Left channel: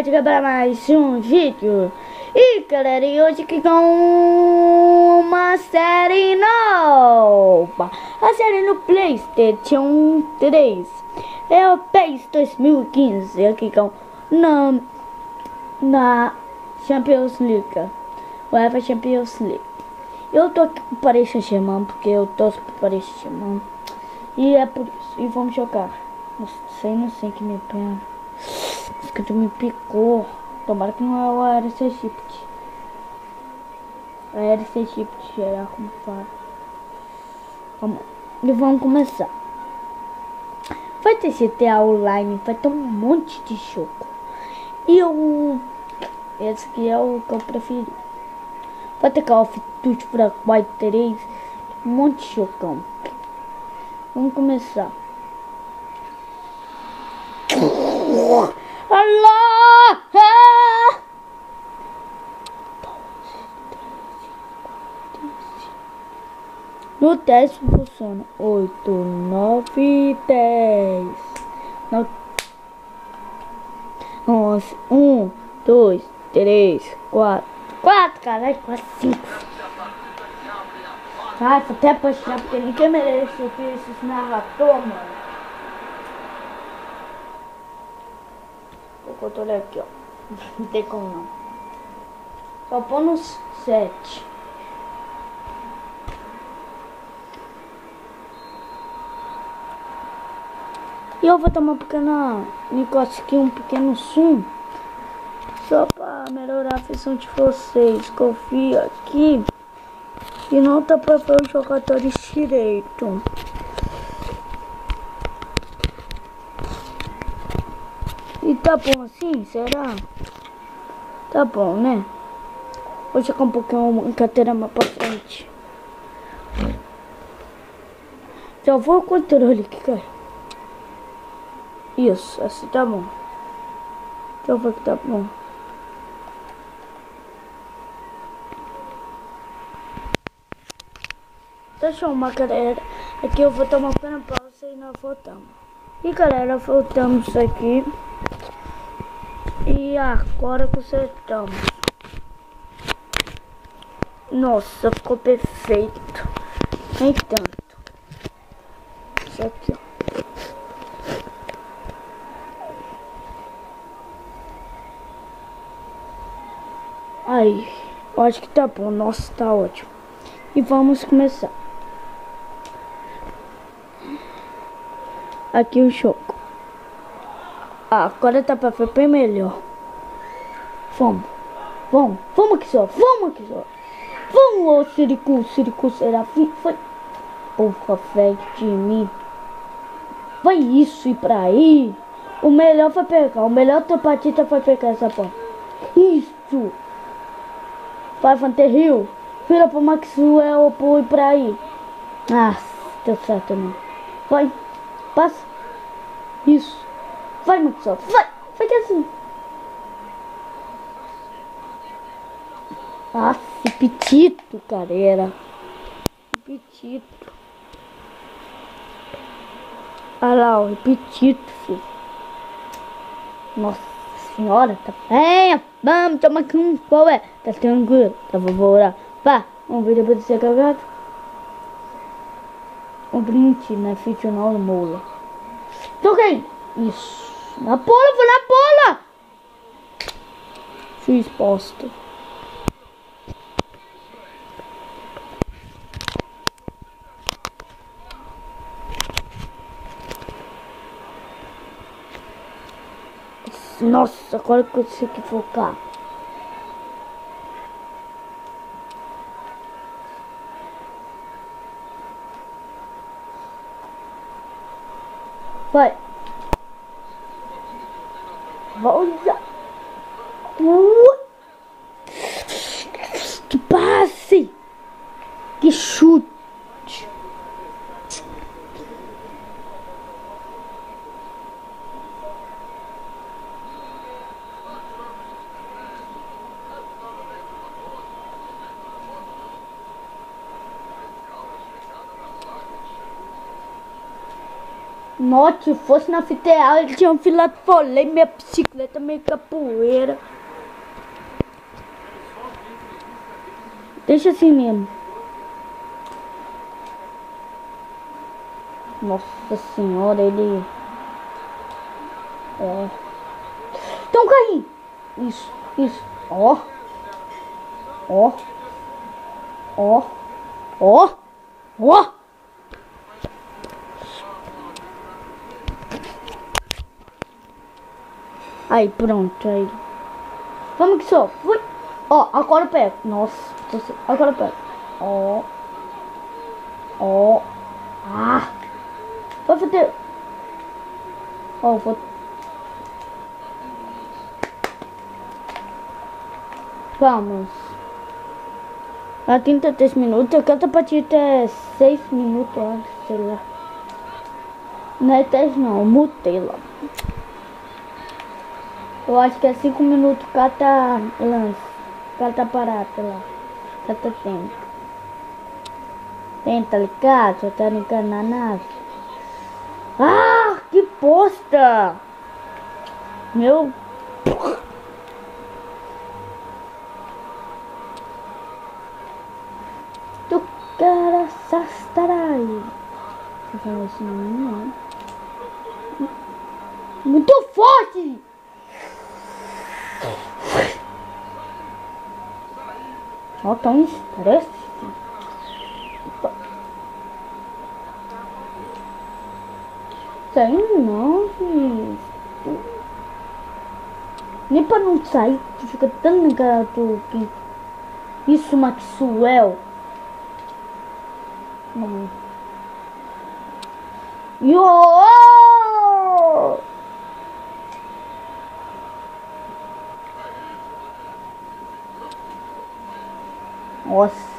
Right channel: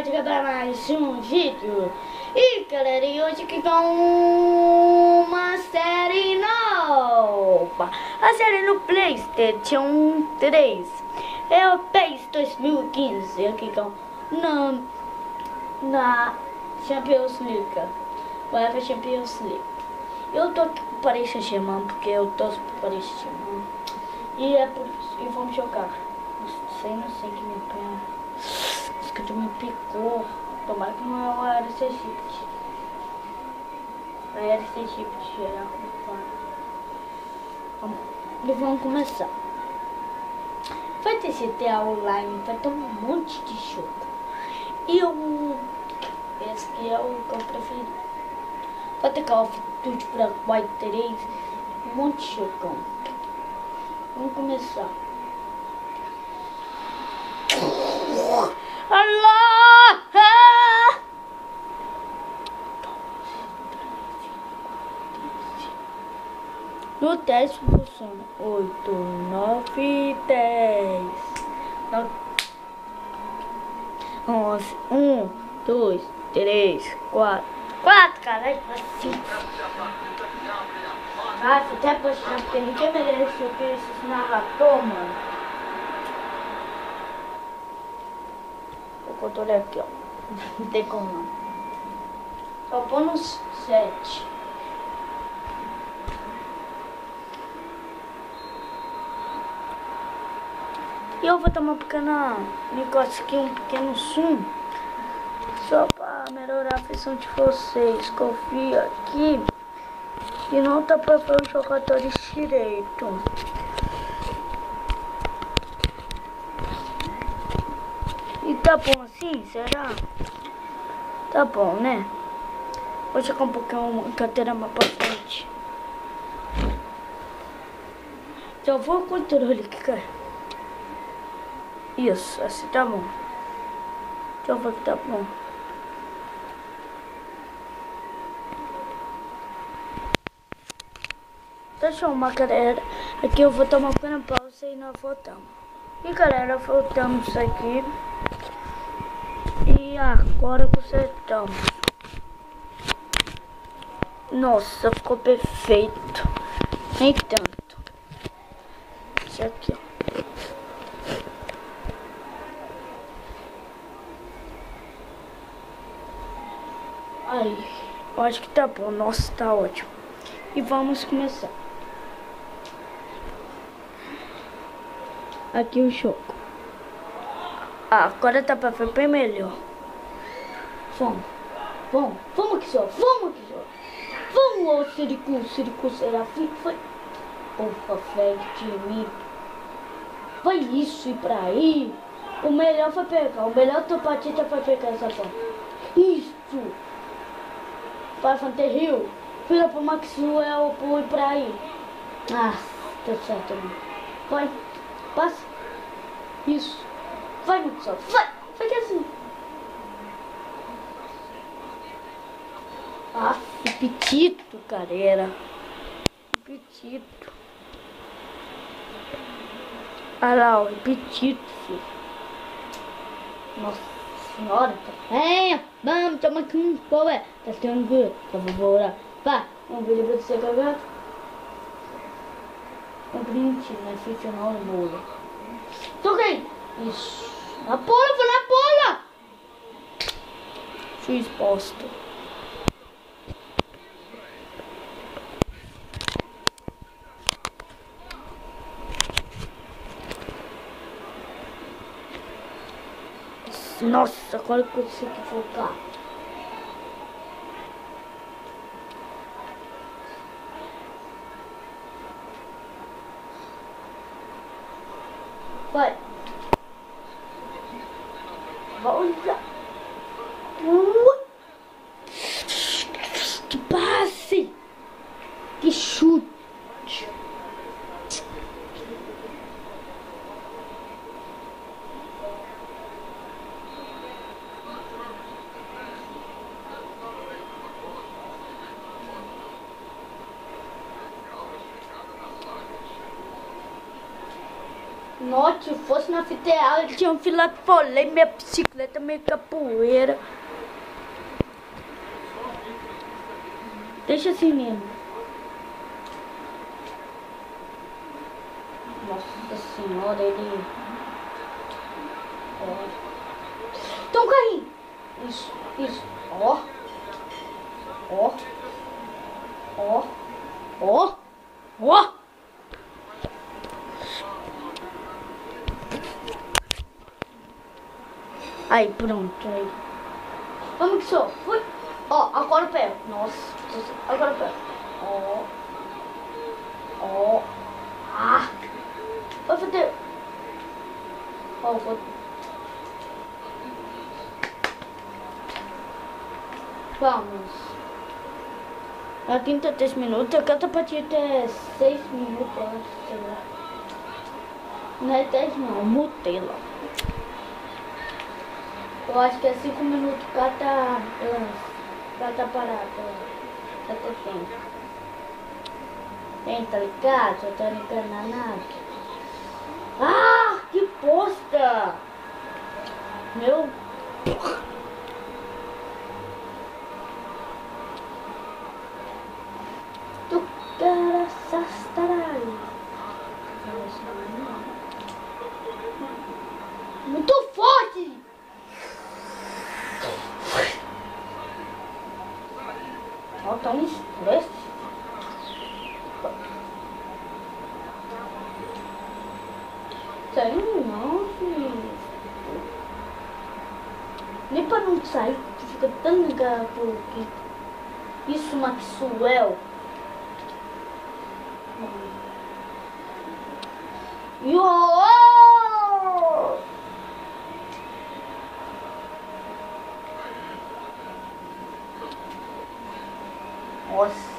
noite para mais um vídeo. E galera, e hoje aqui com uma série nova. A série no PlayStation 3. É o PES 2015. Aqui com na Champions League. UEFA Champions League. Eu tô aqui com o Paris Saint-Germain porque eu torço pro Paris Saint-Germain. E é por isso. E vamos jogar. Não sei que me pega. Esse que me picou. Tomara que não é o RC Shift. A RC Shift era culpado. Vamos começar. Vai ter GTA Online, vai ter um monte de jogo. E esse aqui é o que eu prefiro. Vai ter Call of Duty para White 3. Um monte de jogão. Vamos começar. Allah! No teste funciona 8, 9, 10, 11, 1, 2, 3, 4, caralho, 5. Nossa, até apaixonar porque ninguém merece esse narrador, mano. O controle aqui, ó. Não tem como não. Só pôr no 7. E eu vou tomar um pequeno negócio aqui, um pequeno zoom. Só para melhorar a visão de vocês. Confio aqui. E não tá para ver os jogadores direito. E tá bom assim? Será? Tá bom, né? Vou chegar um pouquinho uma carteira mais pra frente. Só vou o controle aqui, cara. Isso, assim tá bom. Deixa eu ver que tá bom. Deixa eu uma galera. Aqui eu vou tomar uma pequena pausa e nós voltamos. E galera, voltamos aqui. E agora consertamos. Nossa, ficou perfeito. Nem tanto. Isso aqui, ó. Aí, eu acho que tá bom. Nossa, tá ótimo. E vamos começar. Aqui o jogo. Agora tá pra ver bem melhor. Vamos aqui só. Vamos, ô Siricu Serafim. Foi. Porra, velho de mim. Vai isso e pra aí. O melhor foi pegar. O melhor topatita foi pegar essa porra. Isso. Vai, Fanterril. Vira pro Maxwell pro ir pra aí. Deu certo não. Vai. Passa. Isso. Vai, Maxwell. Vai que assim. Petito, galera. Petito. Olha lá, o petito, filho. Nossa senhora, tá bem. Vamos tomar aqui um pau, tá tranquilo. Vou embora. Vá, vamos ver depois de ser cagado. Um print, né? Ficcional mola. Toca aí. Isso. Na bola, vou na bola. Fui exposto. Nossa, agora que eu consegui focar. Vai. Volta. Que passe. Que chute. Nossa, se fosse na fita real, ele tinha um filado folê, minha bicicleta meio capoeira. Deixa assim mesmo. Nossa senhora, ele... Tem um carrinho. Isso. Ó. Aí, pronto, aí. Vamos que só. Fui. Ó, agora eu pego. Nossa, agora eu pego. Ó. Ah. Vai foder. Ó, vou. Vamos. A 33 minutos. Eu quero partir até 6 minutos, sei lá. Não é 10 não, mutei lá. Eu acho que é 5 minutos cada lance. Cada parada lá. Cada tempo. Tá ligado? Só tá ligado na nave. Ah, que bosta! Meu... Tu cara sastaralho. Muito forte! Ó, tá um estresse. Tem não, filho. Nem pra não sair, tu fica tão ligado que isso, Maxwell. Yo! Nossa.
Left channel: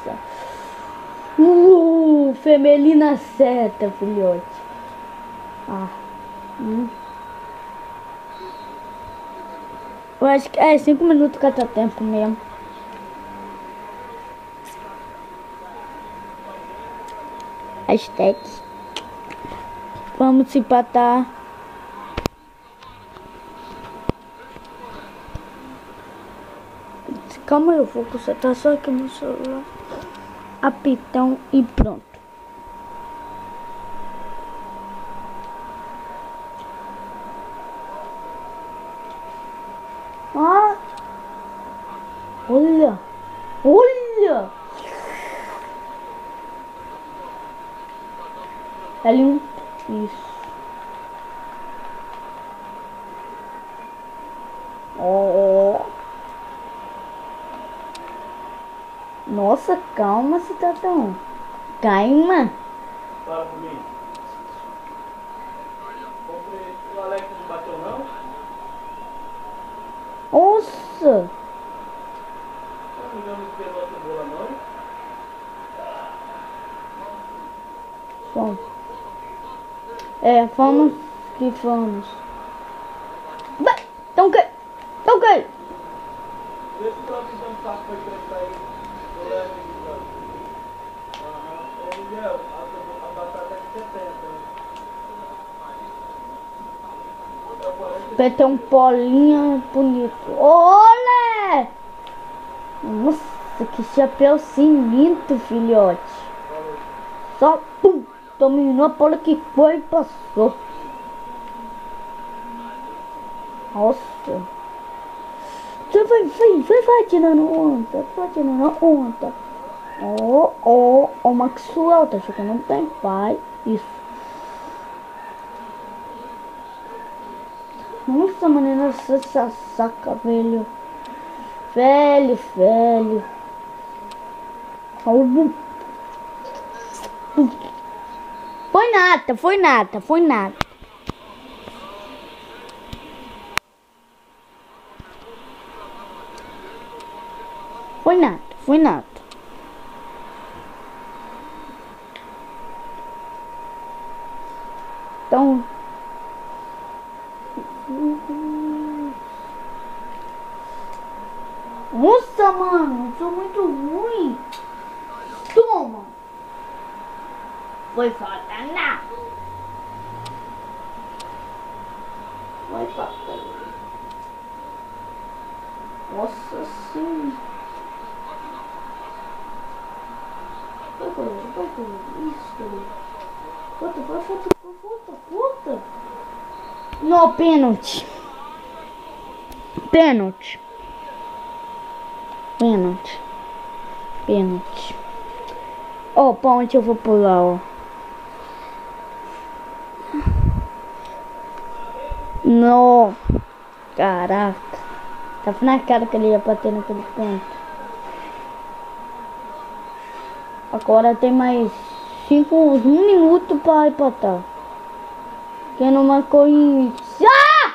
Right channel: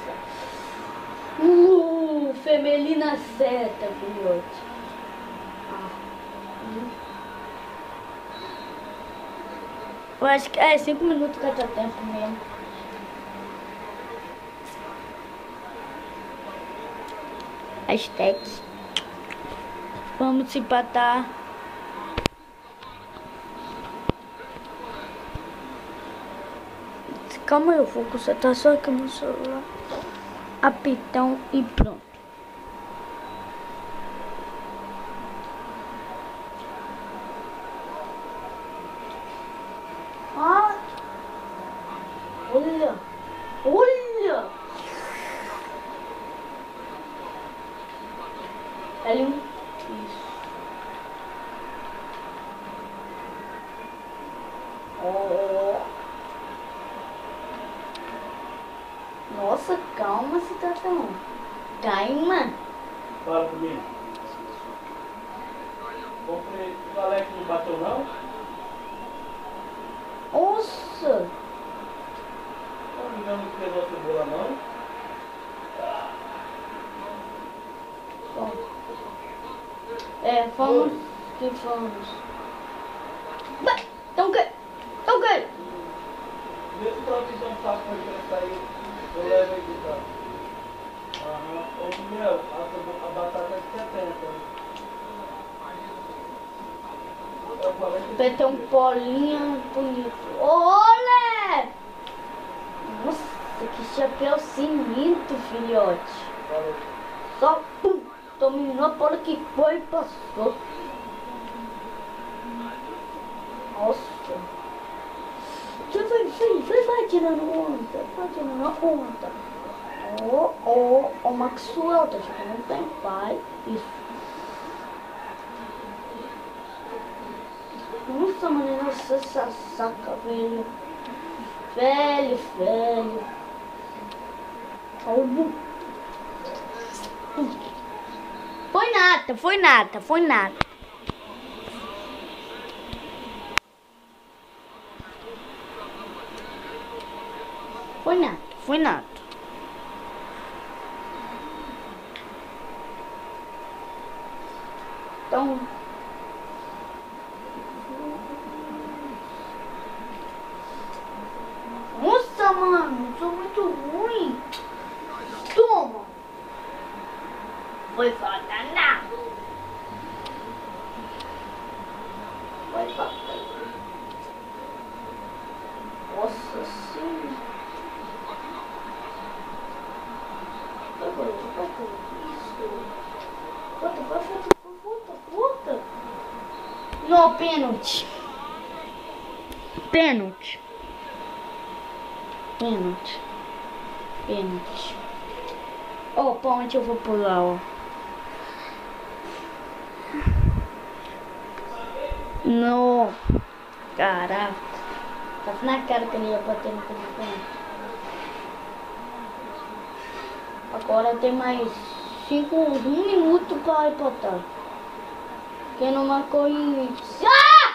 Femelina seta, filhote. Eu acho que é 5 minutos cada tempo mesmo. Hashtags. Vamos empatar. Calma, eu vou consertar só aqui no celular. Apitão e pronto. Ah! Olha! Olha! L1. Isso. Nossa, calma, cidadão. Calma. Fala comigo. O Alex não bateu, não? Nossa. Não me engano que pegou a cebola, não? Bom. Vamos que vamos. Então que? Vê se tá pisando saco pra gente sair. Eu levo ele de lá. Ô, Miguel, a batata é de 70. Vai ter um polinho bonito. Olha! Nossa, que chapéu sinistro, filhote. Só pum! Dominou a bola que foi e passou. Nossa. Você vai tirando onda. Vai tirando onda. O Maxwell tá jogando bem, vai. Isso. Nossa, menina, essa saca, velho. Velho. Salvo. Foi nada. Foi nada. Então... Nossa, mano, eu sou muito ruim. Toma. Foi falta nada. Vai pra cá. Nossa senhora. Vai com isso. Puta. Não, pênalti. Ó, pra onde eu vou pular, ó. Não. Caraca. Tava na cara que ele ia bater naquele pênalti. Agora tem mais 1 minuto para empatar. Quem não marcou em... Ah!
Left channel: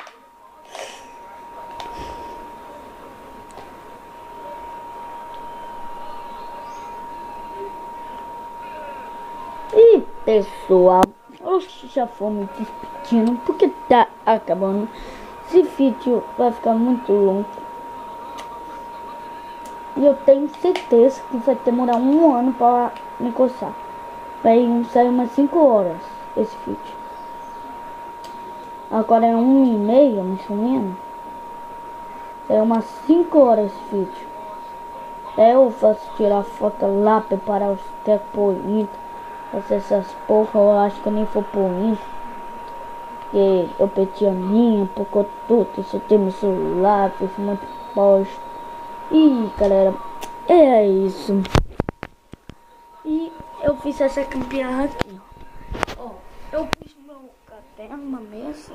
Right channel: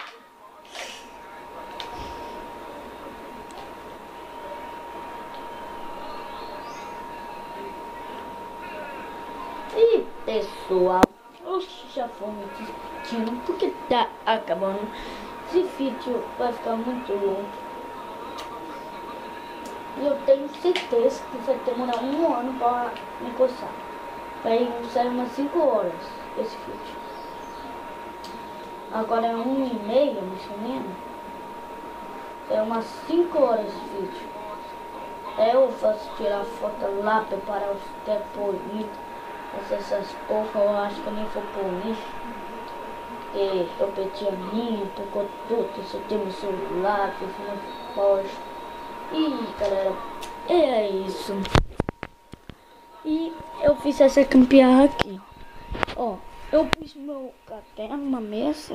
E pessoal, eu já vou me despedindo porque tá acabando. Esse vídeo vai ficar muito longo. E eu tenho certeza que vai demorar 1 ano para me coçar. Vai sair umas 5 horas esse vídeo. Agora é 1h30, mais ou menos. É umas 5 horas esse vídeo. Eu faço tirar foto lá, preparar os depoimentos, fazer essas porra. Eu acho que eu nem vou por isso. Porque eu perdi a minha, por tudo. Isso tem meu celular, fiz muito bosta. E galera, é isso. E eu fiz essa campeã aqui. Ó, eu fiz meu café numa mesa.